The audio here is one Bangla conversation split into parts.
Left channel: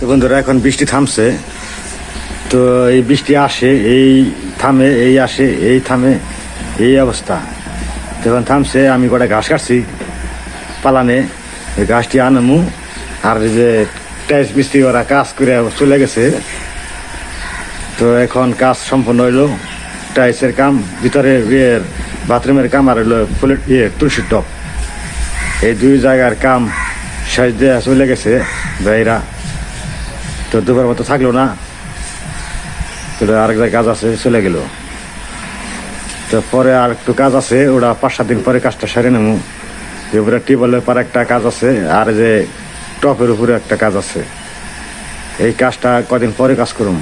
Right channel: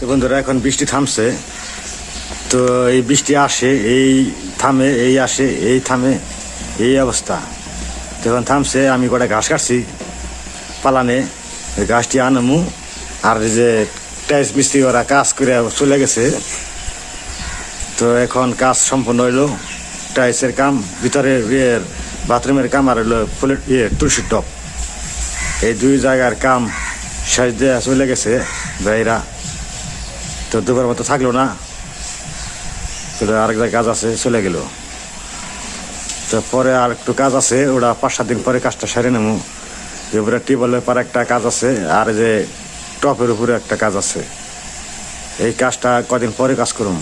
তো বন্ধুরা, এখন বৃষ্টি থামছে। তো এই বৃষ্টি আসে, এই থামে, এই আসে, এই থামে, এই অবস্থা। তো এখন থামছে, আমি কটা ঘাস কাটছি পালানে। ওই ঘাসটি আনমু, আর যে টাইস মিস্ত্রি ওরা কাজ করে চলে গেছে। তো এখন কাজ সম্পন্ন হইল টাইসের কাম, ভিতরে ইয়ের, বাথরুমের কাম, আর হইল ফুলের ইয়ে তুলসীর টপ এই দুই জায়গার কাম শেষ দেওয়া চলে গেছে ভাইরা তো দুবার মতো থাকল না। তো আরেক জায়গায় কাজ আছে, চলে গেল। তো পরে আর একটু কাজ আছে, ওরা পাঁচ সাত দিন পরে কাজটা সেরে নেব। যে উপরে টিউবওয়েলের পর একটা কাজ আছে, আর যে টপের উপরে একটা কাজ আছে। এই কাজটা কদিন পরে কাজ করুম।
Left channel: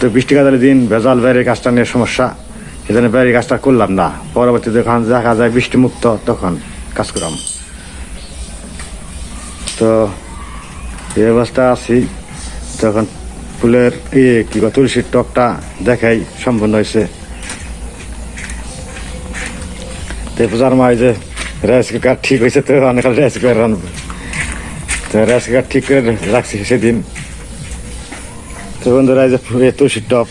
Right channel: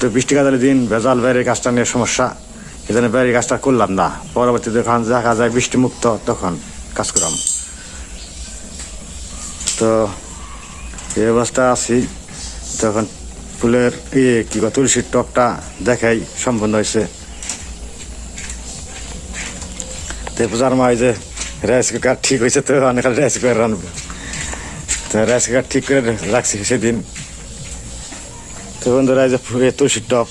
তো বৃষ্টি কাজের দিন, ভেজাল বাইরের কাজটা নিয়ে সমস্যা। জন্য বাইরের কাজটা করলাম না। পরবর্তী যখন দেখা যায় বৃষ্টি মুক্ত, তখন কাজ করলাম তো এই অবস্থা আছি। তখন ফুলের ইয়ে কি তুলসীর টকটা দেখাই, সম্পন্ন হয়েছে। পূজার মা যে রাইস কুকার ঠিক হয়েছে তো, অনেক রাইস কুকার রানবো তো রাইস কুকার ঠিক করে রাখছি সেদিন। তো বন্ধুরা যে তুলসীর টপ।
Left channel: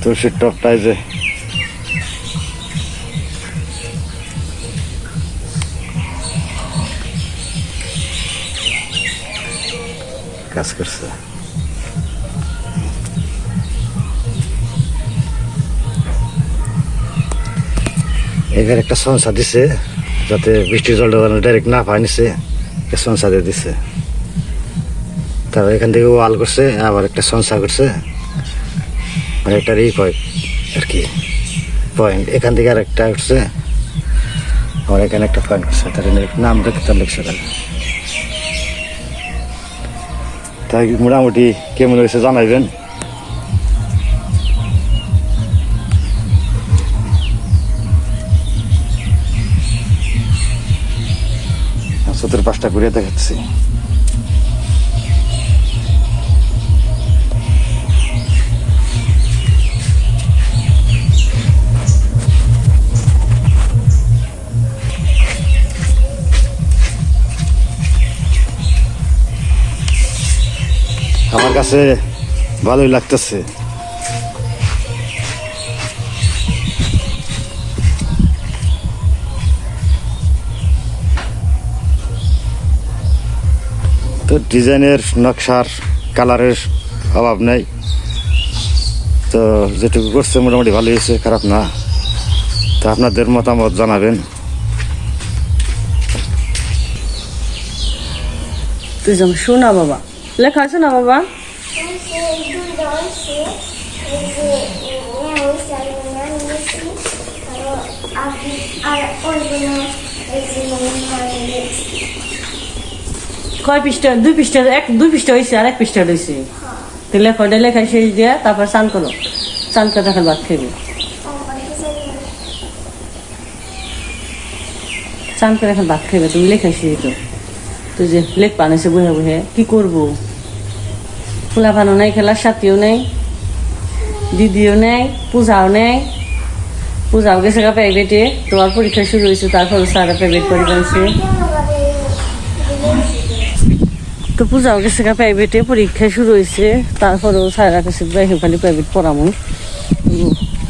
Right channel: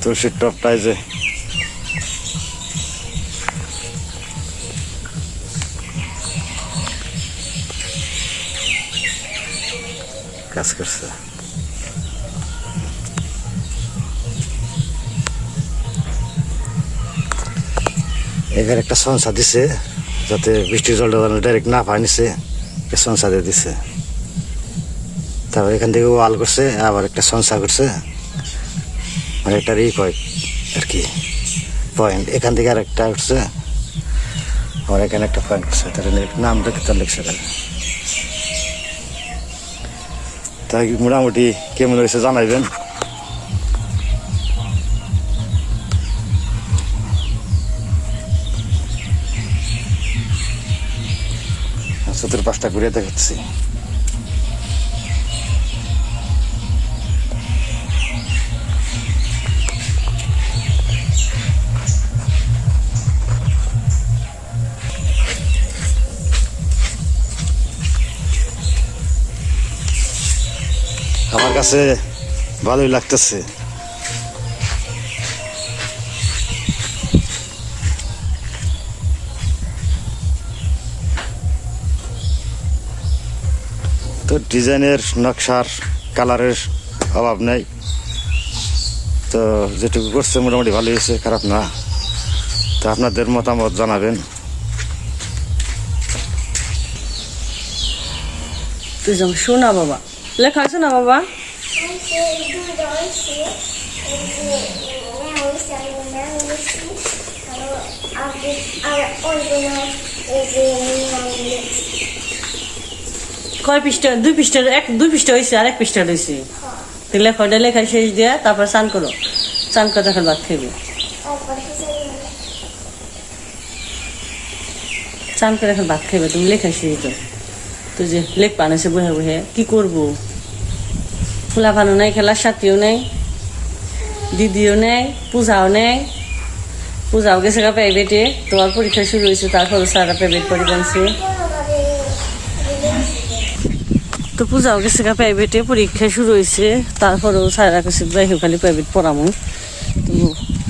তুলসীর টপটা এই যে কাজ করছে। একটা সংসা দিছে, যাতে বৃষ্টির জলটা ডাইরেক্ট না পায় নিছে একটা সংসা দিয়ে দিছে। তারপর এখান থেকে ওয়াল করছে, আবার একটা সংসা করছে। মানে একটা ই আর কি পয়েন্ট এখান থেকে আর একটা উঠছে আবার এখানে একটা পয়েন্ট করছে, তার নামটা তার লিখছে তাহলে তাই মোটামুটি কেমন হয়েছে জানাইবেন। চতুর পাঁচটা ঘুরে দেখাচ্ছি। আমার কাছে ভালোই লাগতেছে। তো ডিজাইনের নকশার কালারের অভাব নেই। তো যেটুকু করছে মোটামুটি ভালো হয়েছে, খারাপ না। তো আপনাদের মতামত জানাবেন। তুই যেমন শোনা বাবা লেখা আছে না বাবা। কয় পৃষ্ঠা? দুই পৃষ্ঠা, এক, দুই পৃষ্ঠা হয়েছে আর এক পৃষ্ঠা রয়েছে তুই লেখা ওটা লেখা শেষ দিয়ে তারপরে চান করো। চান করে এখন ভাত খাইবে চান করে এখন ভাত খাইবে তুমি লেখা শেষ তো তুই যে লেখ পানেছে বহে বহে, কি করব? ফুলা পানো নাই খেলার সাথীও নেই, দিদিও নেই, পূজাও নেই। পূজাও গেছে গা প্রাইভেটে তোমার পরীক্ষা শুরু হয়েছে তারপর সারা প্রাইভেট পড়ি জানছে তো পূজাও গেছে গা প্রাইভেটে পরীক্ষা শুরু হয়েছে, তারপরেও সারা কাছে খালি প্রাইভেট পড়ামো।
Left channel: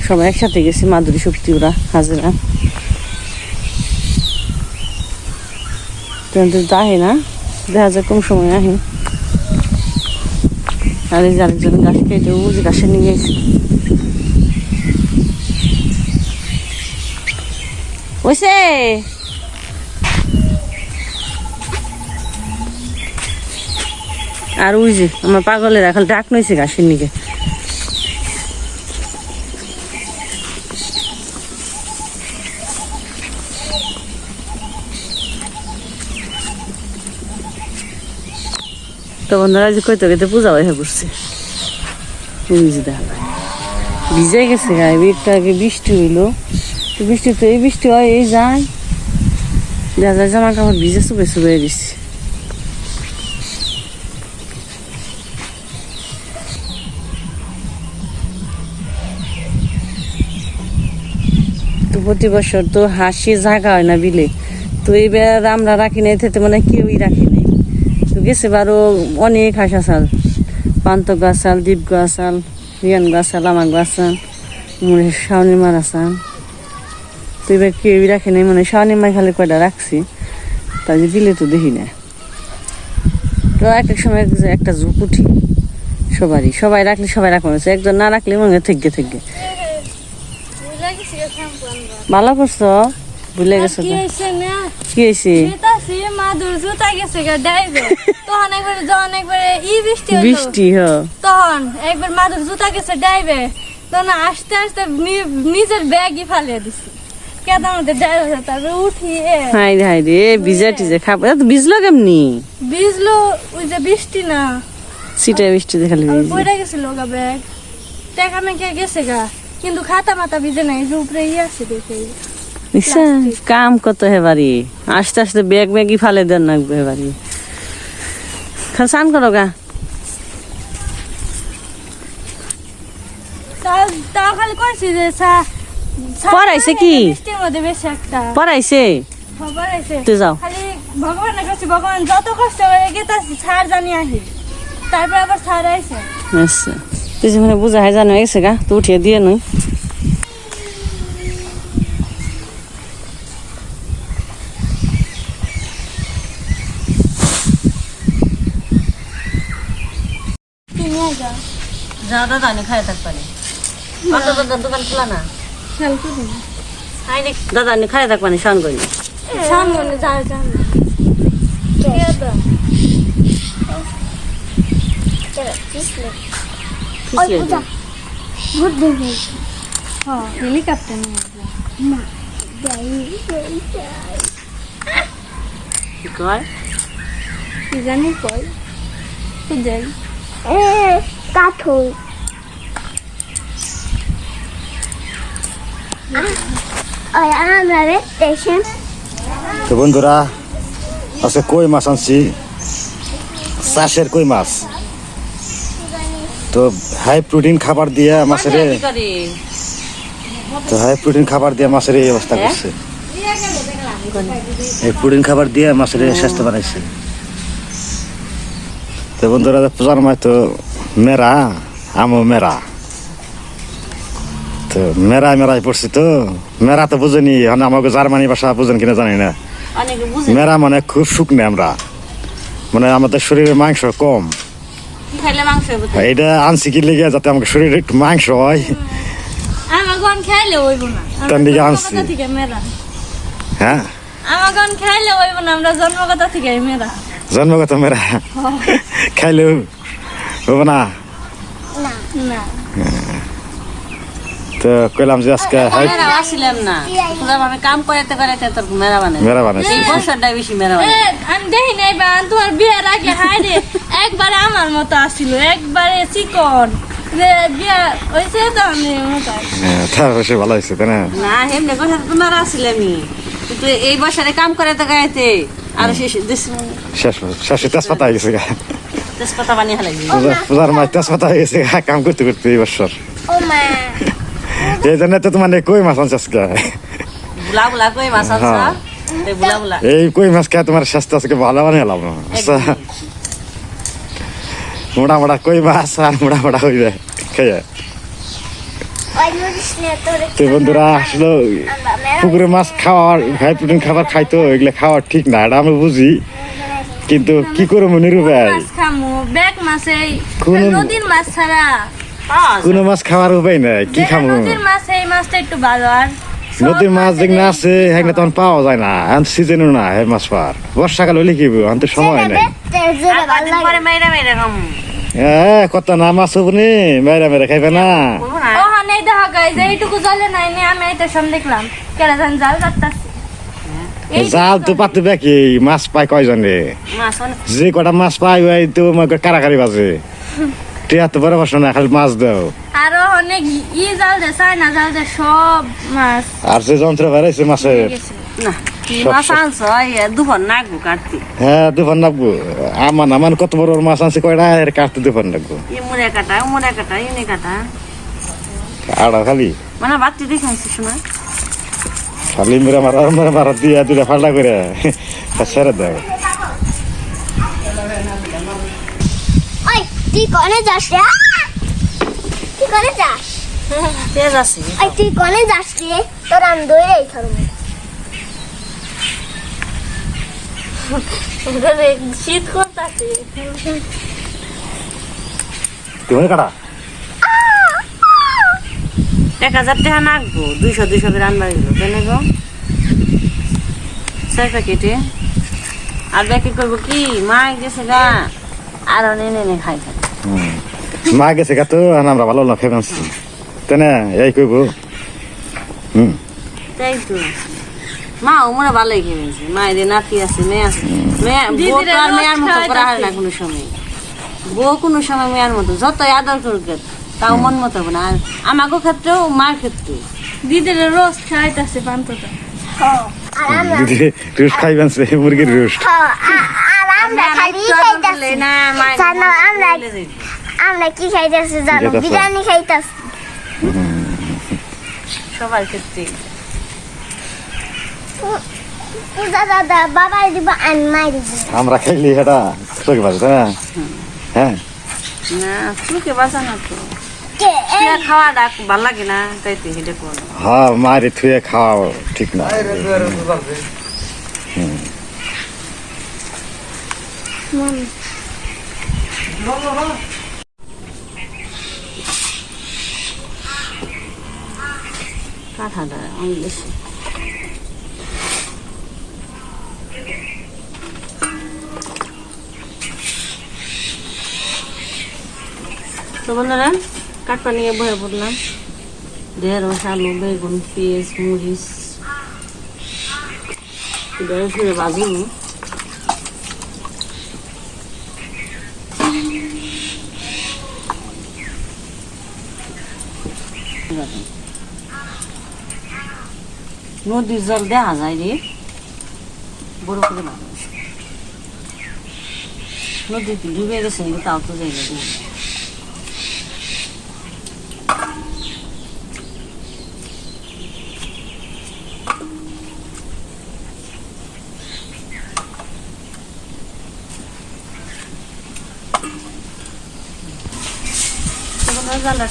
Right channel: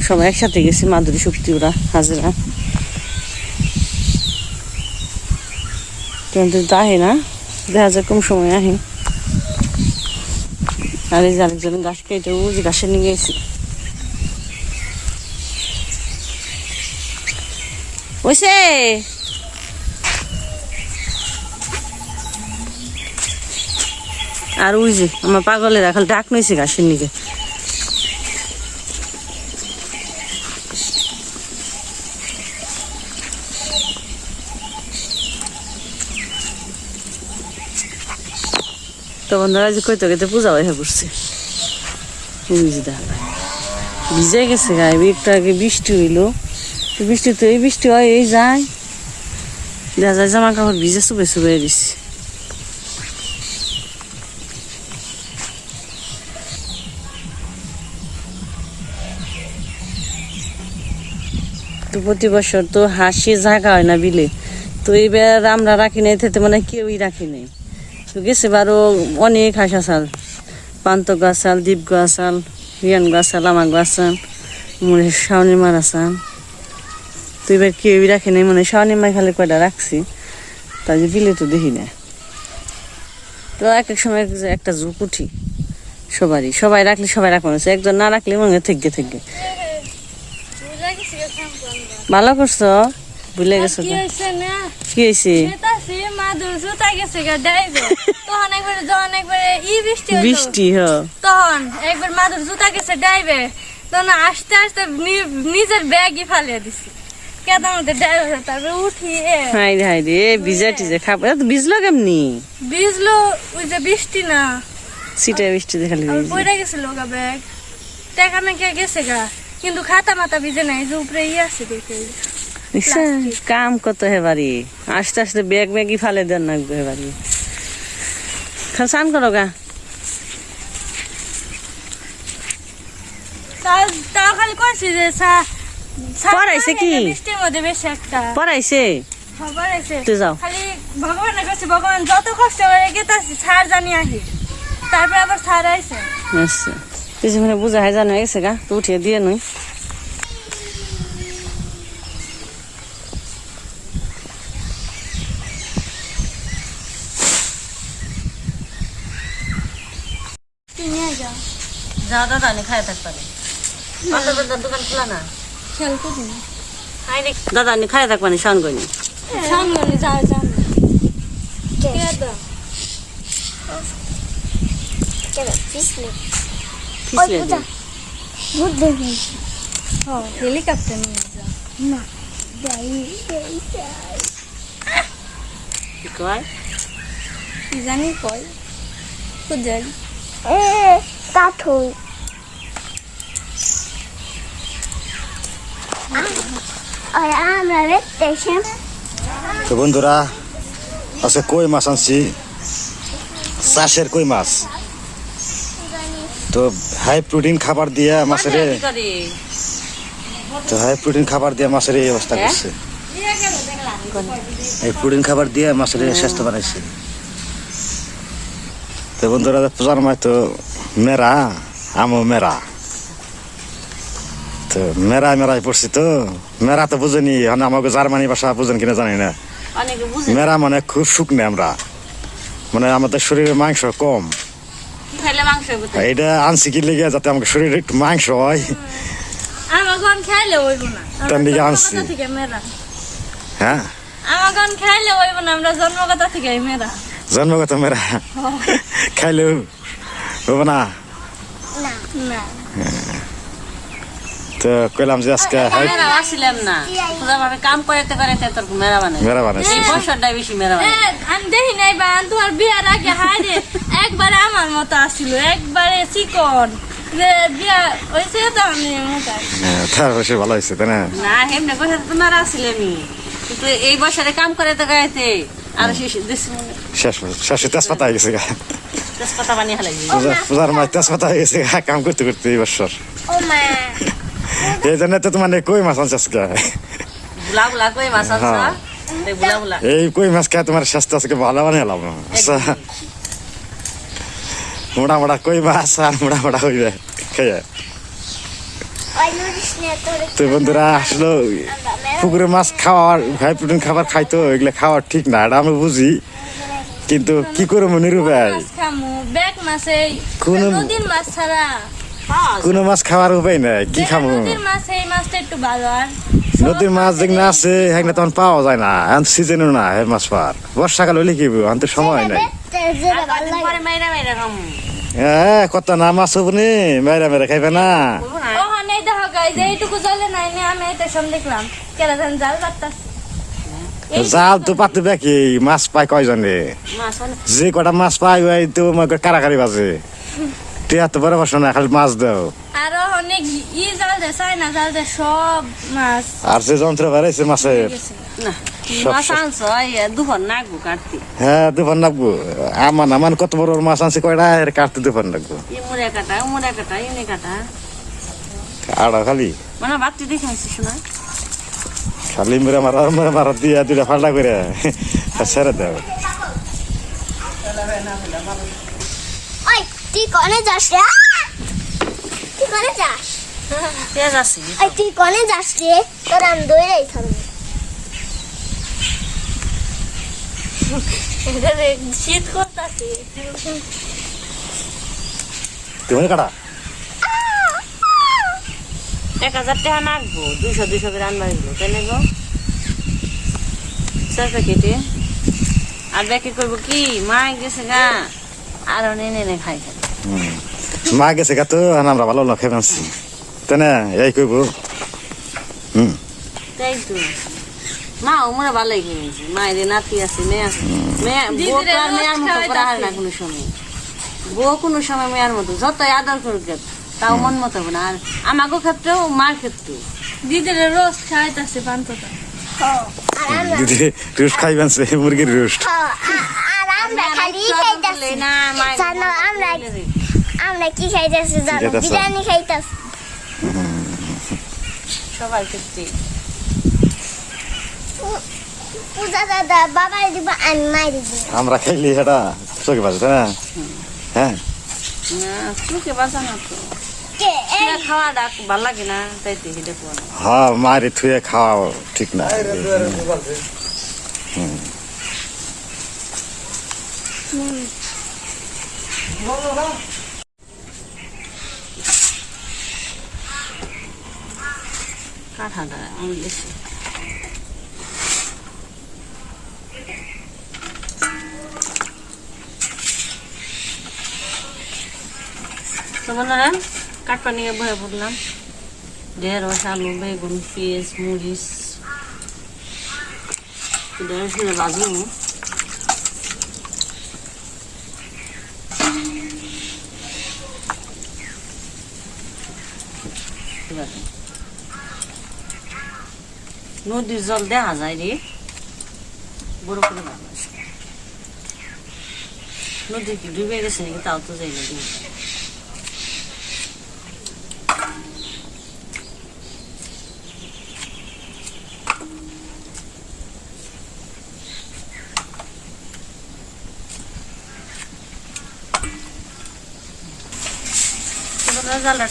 সবাই একসাথে গেছে মাধুরী শক্তি ওরা, হাজিরা। কিন্তু যাহে না, দেখা যায় কোন সময় আহে। আর এই যে আরেকজন গাছ কেটে ও যে গাছে নিয়ে গেছি। ওইসে! আর ওই যে, আমার পাগলের এখন ডাক নইছে গাছের নিচে। তো বন্ধুরা যে কইতে কইতে পূজা হয়ে যে যায়। ভিজে গেছে গায়ে একটু আগে বৃষ্টি হইল। বৃষ্টি তো, এই বৃষ্টি হয়, এই যায়। দেখা যায় জামা কাপড় ভিজে চুবে চুবে দিচ্ছে তো প্রতি বছর তো হাসি জাগা হয় না বিলে। তো এইবার আমরা রাখি নাই থেকে মানে কেউই রাখি গেছে বারো অনেক হাঁস আসাল। পান্ত গাছ গাছাল দ্বীপ গাছাল রিয়ান গাছাল আমার গাছাল মনে হয় শাওনি মার আসাল। তো এবার কেউই রাখে নাই মনে হয় শাওনি মার খালি কয়টা রাখছি। তাই যে দিলে তো দেখি না। তো এক এক সময় এক- একটা ঝুঁক উঠি সবারই। সবাই রাখলে সবাই রাখব না একজন না রাখলে মনে হয় থেকে থেকে। ভালো করছ? ভুলে গেছো কি হয়েছে মাদুর জুতা গেছে গা ডাইবে তখন একবার যখন একবারে ই বৃষ্টি হলো বৃষ্টি হ। তখন একবার মাদুর জুতা গেছে ডাইবে তখন আস্তে আস্তে নিজের ব্যাগই ফালিয়ে দিছি। তারপরে হাই রে হাই রে ভিজা টিজে খাব। এ ভিজলো কেমনি? ভিজলো ওই যে বৃষ্টি না। সিটে বৃষ্টি দেখালি আর বইরা গেছিল গা ব্যাগ। টাকা গেছে গা কিন্তু খাতা মাথা ভিজে নাই যে উপরে ই আছে দেখে। কাম কত হেবারি আস্তে আস্তে ব্যাগ ব্যাগই ফালে দেন নাকবে হেবারি খান স্নান করো গা। পড়াইছে কি? পড়াইছে? তুই যাও। ভগবানের কাছে ভগবান যত কষ্ট করে গেতাছি ছাড় জানি আহি। তারপরে আবার ছাড় আইছে। আচ্ছা। কিছু মানে বুঝা হয় জানো গেছে গা। তো উঠিয়ে দিয়ে নই যা। দাদা আমি খাই থাক পারে। দোকান খোলা না? দাদা আমি খাই থাক পানি স্নান করি সামনে যাও যাও পিছলে দে। হেলিকপ্টার যাও কি কয়? কি জানি কই খুঁজে কার্টুন স্টেশন তো বন্ধুরা আজকে কই মাছ আনছি? চাষের কই মাছ? তো হাই প্রোটিন খাবার দিয়ে মাছের তো হাই প্রোটিন খাবার দিয়ে মাছের এই অবস্থা করছে। এই প্রোটিন খাবার দিয়ে মাছের স্বাস্থ্য বানাইছে। তো বন্ধুরা পূজার মায় তো মেরা আমও মেরা। তো মেরা মেরাই পড়ছি তো। মেরা তো বুঝেনি এখন আমাকে জার্মানি ভাষা বুঝেন কিনা জানি না। মেরা মানে খুব শুকনো আমরা। মানে আমাদের শরীরে মাংস কম? এটা আনছি কি লেগে যাতে আমাকে শরীরে একটু মাংস হয়। তার দিকে আনছি। হ্যাঁ? আমার খাইলে হইব না আমরা জন্মগত থেকে মেরা। জন্মগত মেরা খাইলেও হবে না না তো কইলাম যে আজকে হাই মেরা আসিলাম না তোরা আমি কাম করাতে করাতে তোর মেরা বানাই মেরা বানাইছি এই বছরটাই বেশি মেরা বানাই আমি দেখি নাই বা তোমার বিয়ার আগে হাইরে একবারে আমার মতো আসিল একবারে চিকন যে বিয়া হয়েছে তো আমি মোটাই হ্যাঁ, তার অবশ্য ভালো হয়েছে তাই না না হেমনে বছর তো মেরা আসিলামই কিন্তু এই বছরে কাম করাতে করাতে আর শেষ মনে শেষ তেজপাতা হয়ে গেছে গা তেজপাতা বানিয়ে পূজার মাছ তেজপাতা হয়ে গেছে গা কাম করতে করতে এই বছর এই জন্য তো তোমার কই মাছ আনছে। এই বুলা বুলা এই কই মাছ খায় তোমার স্বাস্থ্য আজকে ভালো বানালাম আচ্ছা মোটা মোটা কই মাছ আর মোটা মোটা হইবে খেয়ে তো বন্ধুরা আসলে। পুকুরে মাছ খাওয়ার হাই প্রোটিন খাবার খাইতো এগুলো খাওয়ার ঠিক না এটা আমি বুঝি। কিন্তু কি করে মনে ভাই? কোন- মাছ ছাড়া। কোনো মাছ খাওয়ার উপায় নাই কি খামো? নদীর মাছ এই মাছটা একটু ভালো আর নদীর মাছ যেগুলো আছে সেগুলো তখন পাওয়া যায় না এখন সিজনও না হে মাছ পাওয়ার। বর্ষাকাল হলে কি? এখন তো সময় নাই। পরে এ কত না মাছ হব নি মেরা মেরা খাইবে না। বলব না দেখা যে এইটুকু জলে নাই নি আমি এটা দেখলাম। কেরা জান জাল কাটতাছি। জাল তো পাতে দেখি মাছ পায় কয়জনে? যে কটা মাছ পাই ওই তো আমাকে কারাকারি বাজে। টিয়া তো বড় বসো না খালি মাছ দাও। আরও অনেক ই জাল দে চাইনা জাল দে সব মাছ। আর যে যন্ত্র বেড়াইছে মাছের? না মাছ আনছ? নাগবো কাটতে। হ্যাঁ আমার আমার কত বড় মাছ আছে কয়টা? কাটতে ই মুড়ে কাটা মুড়ে কাটা ইনে কাটা। আড়া খালি। মানে বাতি দেখে আনছি শোনা। খালি মেরে মারা মেরে মারা দিয়া দুটা ফাল্টা করে ছেড়ে দাও। ওই তুই কনে যাস রে! তুই কনে যাস? পেঁয়াজ আছে ওই তুই কনে যাস রে? তোর আমি দৌড়াই থাকব শীত করতেছে তুমি কাটা এক হাজার টাকা নাকবো দুইশো দুইশো করে আনবার গেলো কেন গো? ছয় প্যাকেটে। আর প্যাকেট করব কি? মা গেছে গা। আরও নেনে নে খাই খাই। মা গেছে গা তো আমরা ভালো না খেয়ে আনছি তাই না? এই কইব হুম। তাই তো। মা ও মনে ভালোই খেয়েছে। মায়ের নাতি আছে মেয়ে আছে। মেয়ে বউ তো আর মেয়ের মতো করা হয় না কোনো সময়। বউ কোনো সময় মেয়ের মতো। যতই আদর করুক গে, তাও মন মতো হবে না। আর আমাকে ক্ষেত্রেও মার ক্ষেত্রেও দিদির রোজ খাইতেছে পান্তটা। আমরা রোস্ট খাইবেন সে মুরগির রোস্ট। কি খাইতাছি জানো? বিরিয়ানি খাইতাছি। সবার ক্ষেত্রে। আমরা খাইলি এটা চোখে বাজে না? হ্যাঁ। না চুকে বাঁচা না তো। খাওয়া ডাক ভালো লাগে না তাই তো হেঁটে করো হ্যাঁ মারি থুয়ে খাওয়া ঠিক না। কাঁঠাটা আমি বেশি তো বন্ধুরা কাঠপা নিয়ে বয়ে পড়লাম। ঢেঁড়স আলু বেগুন, পেঁয়াজ, মরিচ। ঢেঁড়স নিয়ে বাজিনি। নদীর জল দেখা যায় রে। বড় করে মানুষ নদী ডুবে গেছে, তাও তো যাই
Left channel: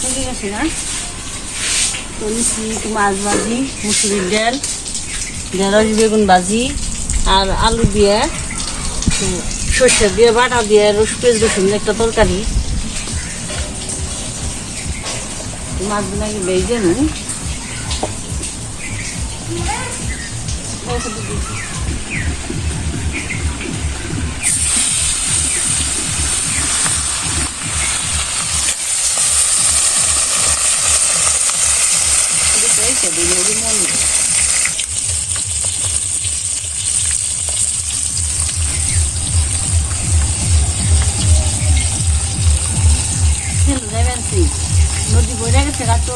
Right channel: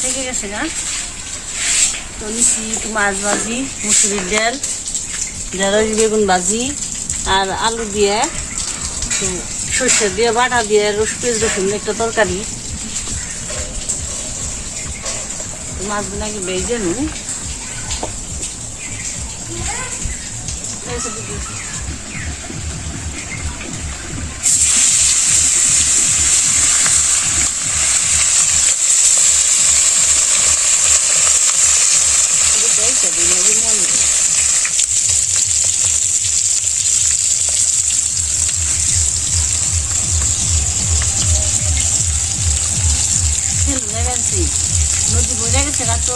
থেকে গেছে না? তো মাছ ভাজি, মুসুরির ডাল, ঢেঁড়স, বেগুন ভাজি আর আলু দিয়ে সর্ষে দিয়ে, বাটা দিয়ে রস পেঁয়াজ, রসুন একটা তরকারি। মাছগুলো আগে বেজে নু নদী বইরা গেছে তো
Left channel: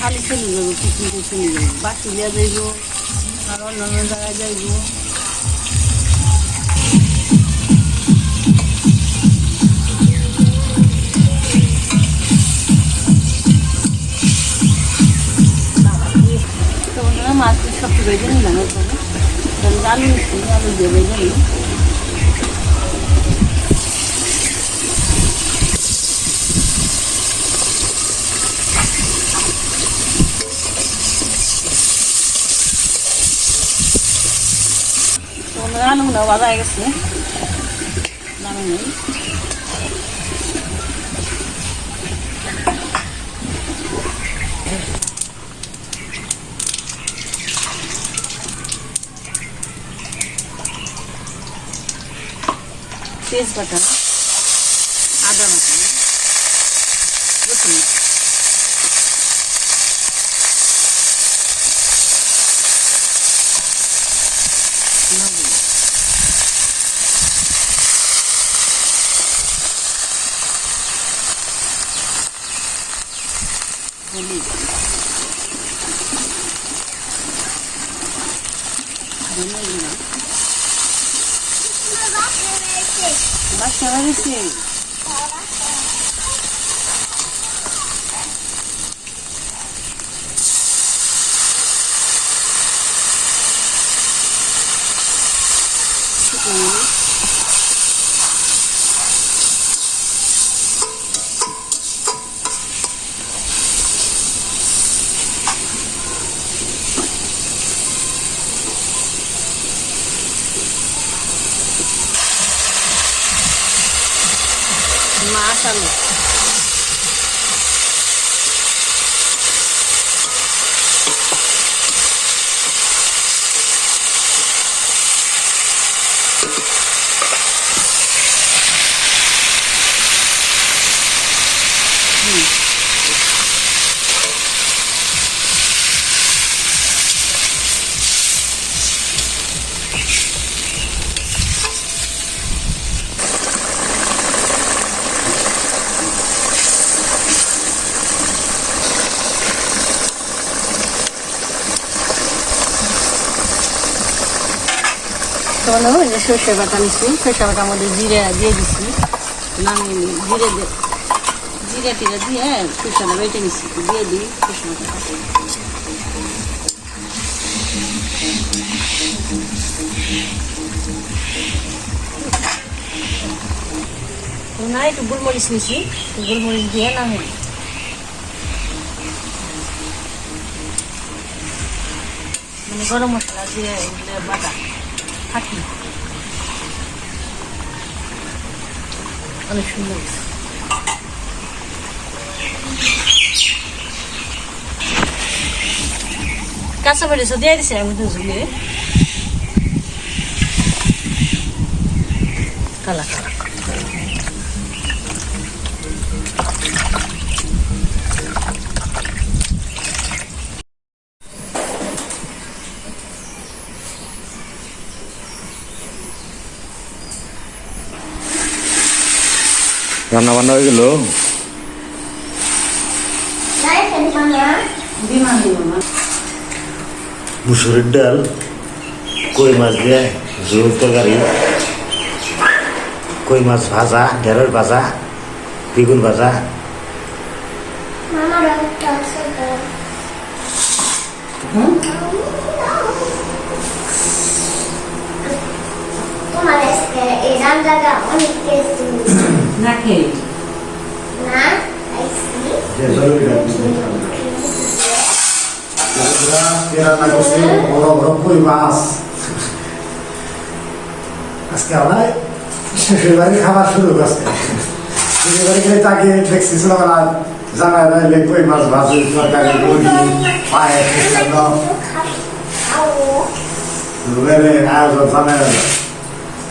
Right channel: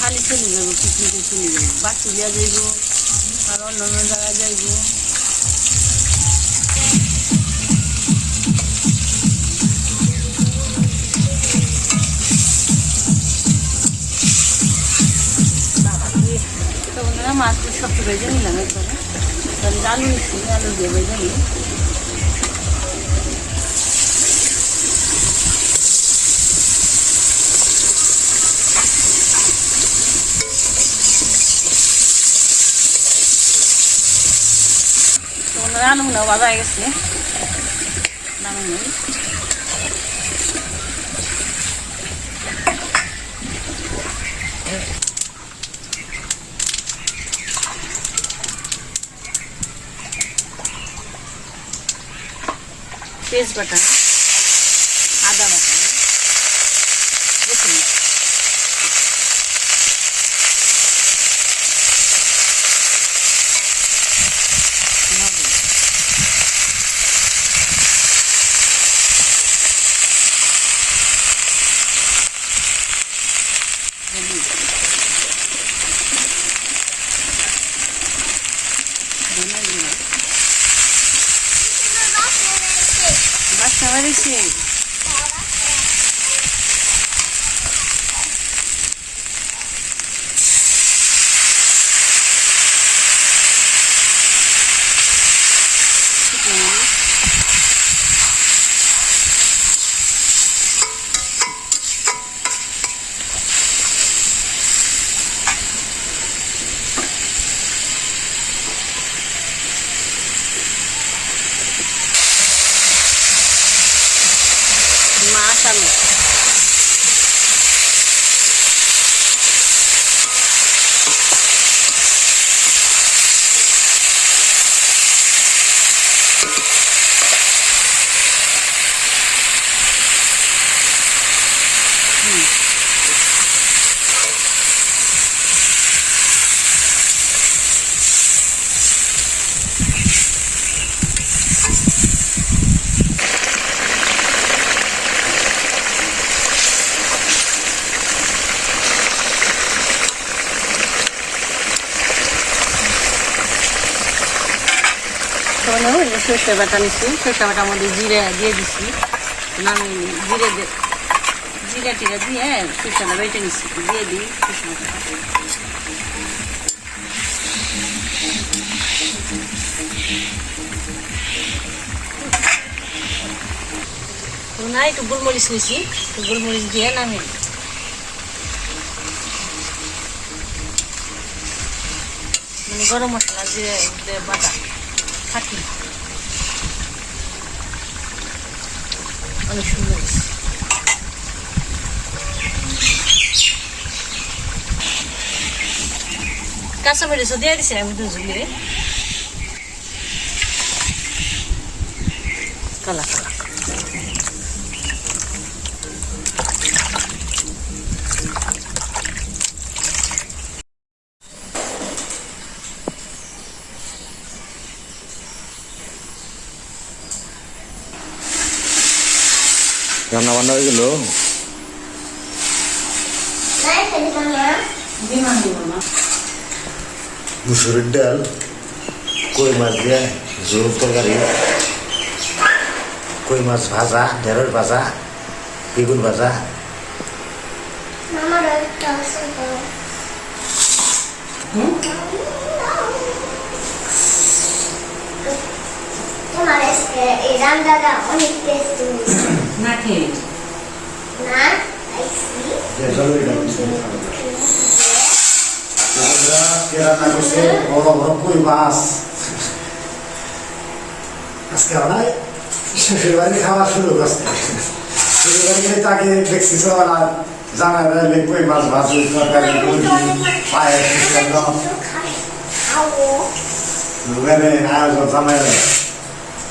খালি চলে যাব, পিকনিকে চলে যাব বাসুলিয়া যাইব, আর অন্য অন্য জায়গায় যাইব। সবটি বেজে নিলাম একবারে আমি আলু নিচ্ছি আলু দিয়ে বেজে নিই বন্ধুরা আলুগুলো বাবা গেছে। নামে নেই। পেঁয়াজ বাটা আদা বাটা রসুন বাটা। লবণ। হলুদ। ধনে জিরা। বাসা বেড়েছে মাশাআল্লাহ তখন ওই যে সর্ষে বাটা নিচ্ছি সর্ষে বাটার মধ্যে জিরে দিয়ে দিচ্ছি নামিয়ে নিই জিরে জিরে টিরে দিয়ে সর্ষেটা বেটে নিচ্ছি দিয়ে দিই সর্ষে বাটাটা। না, একটু গোলমরিচ নিছি গোলমরিচ দিয়ে নামিয়ে দিই। মানে গরম মশলা দিয়ে বাটা। থাকি অনেক সুন্দর। কাঁচা মরিচও দিয়ে দিছে আমি দুজনে কালা কালা রান্না বান্না হয়ে গেল? মুসুরের ডাল কই মাছ দিয়ে ঝোল তরকারি কই মাছ ভাজা ঢেঁড়স ভাজা বেগুন ভাজা। তোমার এই রান্নাটা অনেক টেস্টি না খেয়ে না। বড় বড় কই মাছ। আজকে আমরা শ্বশুর বাড়ি খাবার শুরু করছে। শ্বশুর বাড়ি গেলে তাকে দেখছি সবাই জামাই রাইলে কই মাছ ভাজি তরকারি মুরগি পায়েস একদম খাব। লোকের আয়োজন জামাই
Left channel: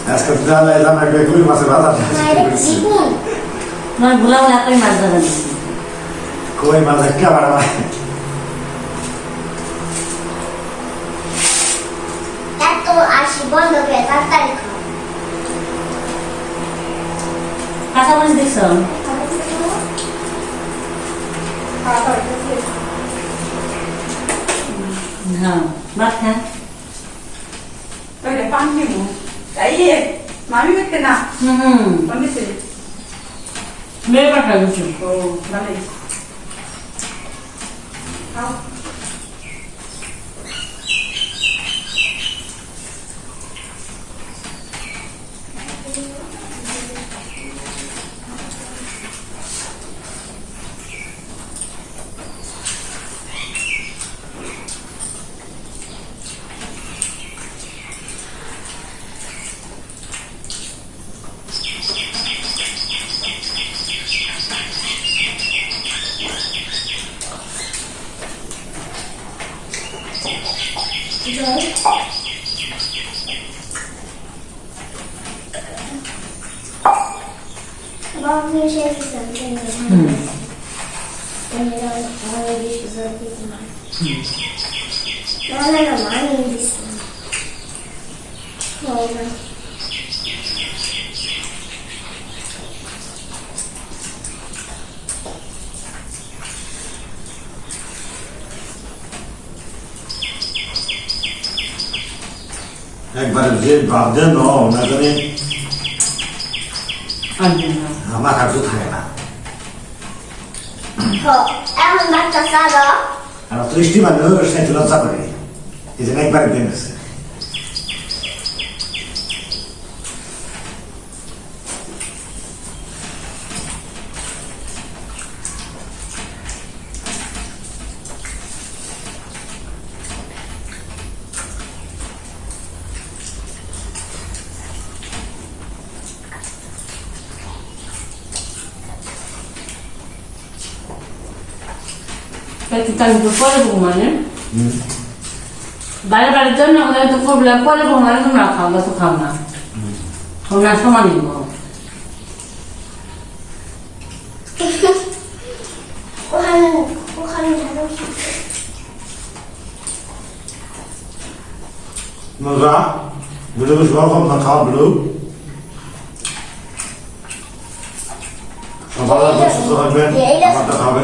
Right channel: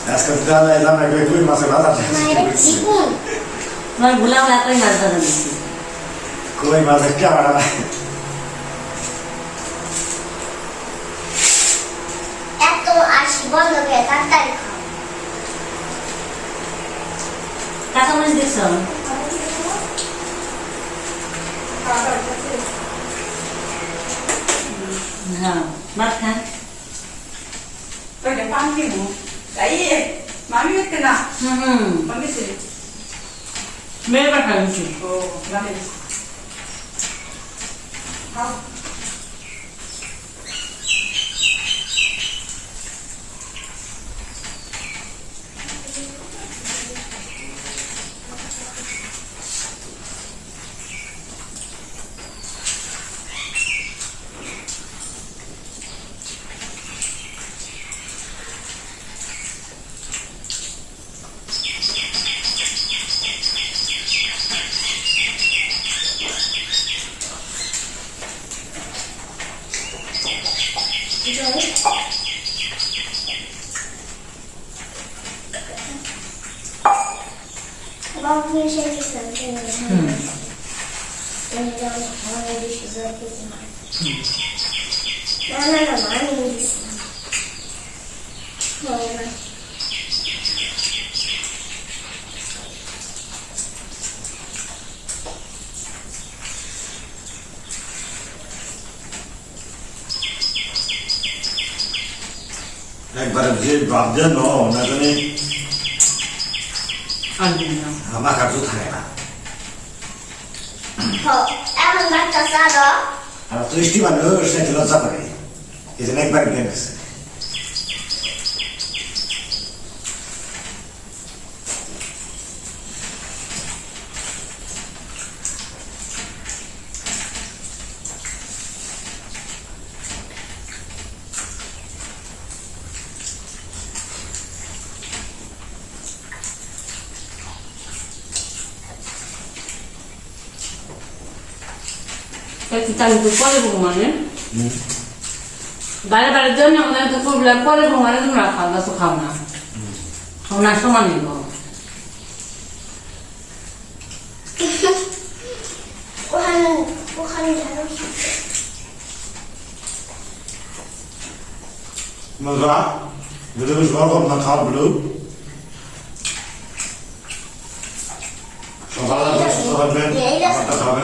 আজকে জামাই জামাই কই কই মাছের ভাজা মায়ের তোমার ভুলা ভুলা কই মাছ ধরা কই মাছ একটা বাড়া এত আসি বন্ধ করে তাড়াতাড়ি খাও। কাঁচা মরিচ দিচ্ছ না ভাত అయ్యే మామిడి తిన్నా పంపిస్తుంది మేమే కలిసి ఓ మళ్ళీ একবার যে ন না করে আমার কাছে থাকে না। Oh, এমন ভাত আর মানুষ লজ্জা করে। এই জন্য একবার একদিন আছে তাই কি টাইম করে পরে ঘুমানে বাইরে বাইরের জন্য আমাদের তো প্রবলেম পরে ঘুমালে তোমরা খাও না তো খাও না। খাও না সমান নিব ওখানে ওখানে ঝাড়ু বন্ধুরা ভিডিও বেশ গল্প না? খাওয়া ভিডিও। সবাই সুস্থ থাকবেন আমার হবে।